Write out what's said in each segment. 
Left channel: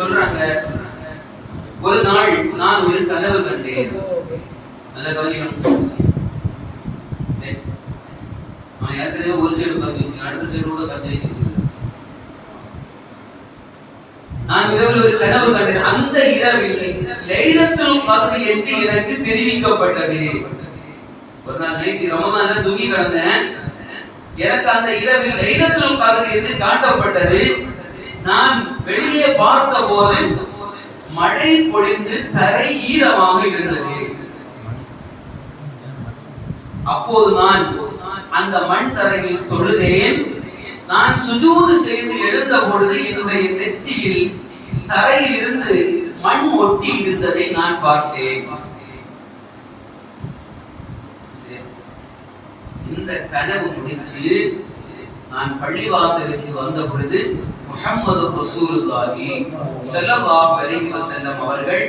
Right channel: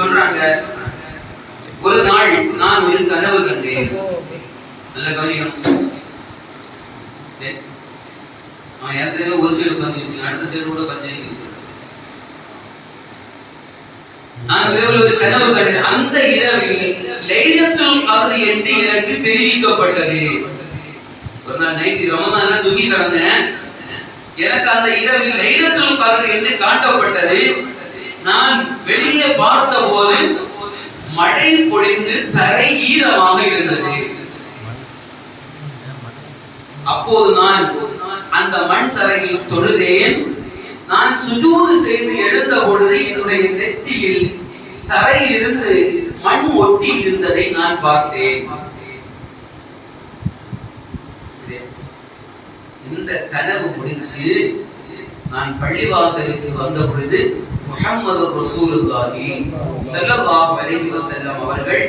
சொல்றாங்க, ஒரு நாள் நான் ஒரு கனவு கண்டேன். நல்ல கவனிக்கணும். ஏற்கனவே ஒரு சைடு உட்காந்து அடுத்த சைடு கூட பஞ்சு. நான் இரவில் ஒரு கனவு கண்டேன். அந்த இரவில் லைலத்துல் கத்ர் என்று எனக்கு தெரிவிக்கப்பட்டது. ஒரு நாள் நைட்டு ரமதான்ல தூங்கி கிடந்தேன். எனக்கு அந்த இரவில் லைலத்துல் கத்ர் என்று காட்டப்பட்டது. நான் வெளியே பார்த்த போது மழை பொழிந்து தரை ஈரமாக இருந்தது. அப்போது நான் அந்த மண் தரையில் தொழுதேன். நான் சுஜூது செய்து எழுந்த பொழுது என்னுடைய நெற்றியில் தரையிலிருந்து மண் ஒட்டி இருந்ததை நான் பார்த்தேன். இந்த கனவு முடிச்சு நான் பள்ளிவாசலுக்கு வந்த பொழுது முஹம்மது ரசூலுல்லாஹி ஸல்லல்லாஹு அலைஹி வஸல்லம் அவர்கள்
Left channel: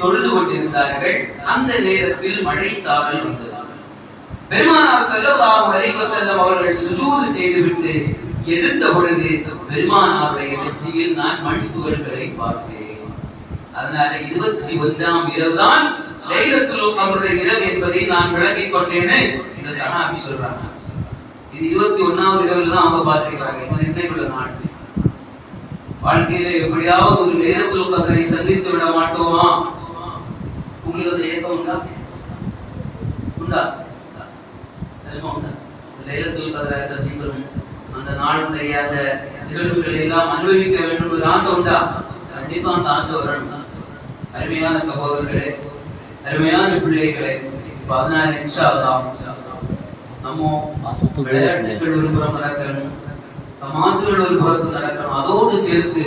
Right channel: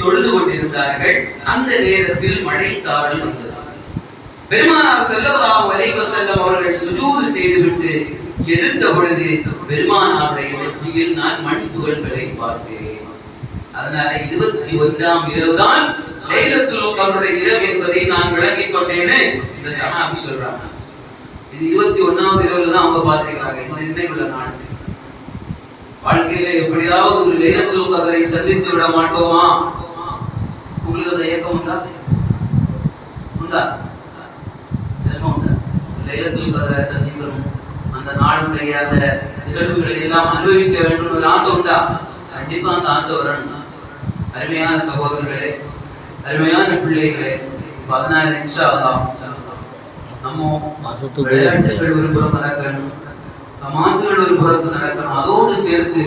தொழுது கொண்டிருந்தார்கள். அந்த நேரத்தில் மழை சாரல் வந்தது. பெருமானார் ஸல்லல்லாஹு அலைஹி வஸல்லம் அவர்கள் சுஜூது செய்துவிட்டு எழுந்த பொழுது பெருமானாருடைய நெற்றியில் நான் மண் துகள்களை பார்த்தேன். அதனால 21ஆம் இரவுதான் லைலத்துல் கத்ருடைய இரவு என்பதை நான் விளங்கிக் கொண்டேன்னு இந்த சஹாபி சொல்றாங்க. இது 21ஆவது இரவுல தான் அவங்க பார்த்திருக்காங்க. இன்னும் உள்ள நாள் வாழ்க்கையில எப்படியாவது ஒரு லைலத்துல் கத்ரை சந்தித்து விட மாட்டோமா? உங்களுக்கு அந்த ஏக்கம் உண்டா? உண்டா? செல்வம் உண்டா? லைலத்துல் கத்ரை சந்திக்கணும், அந்த நாளுடைய அந்த நிகழ்வுகளை எல்லாம் அனுபவிக்க வேண்டும் ஒரு ஆசை உண்டா? கண்டிப்பா அந்த ஆசை வரணும். அருமையான சகோதரர்களே, அருமையான பிள்ளைகளே, 14 இன்ஷா அல்லாஹ் நம்ம விளையாட்டுகள் ஒரு புறம் நடக்கணும், தமாசுகள் ஒரு புறத்து நடக்கணும். அதோடு சேர்த்து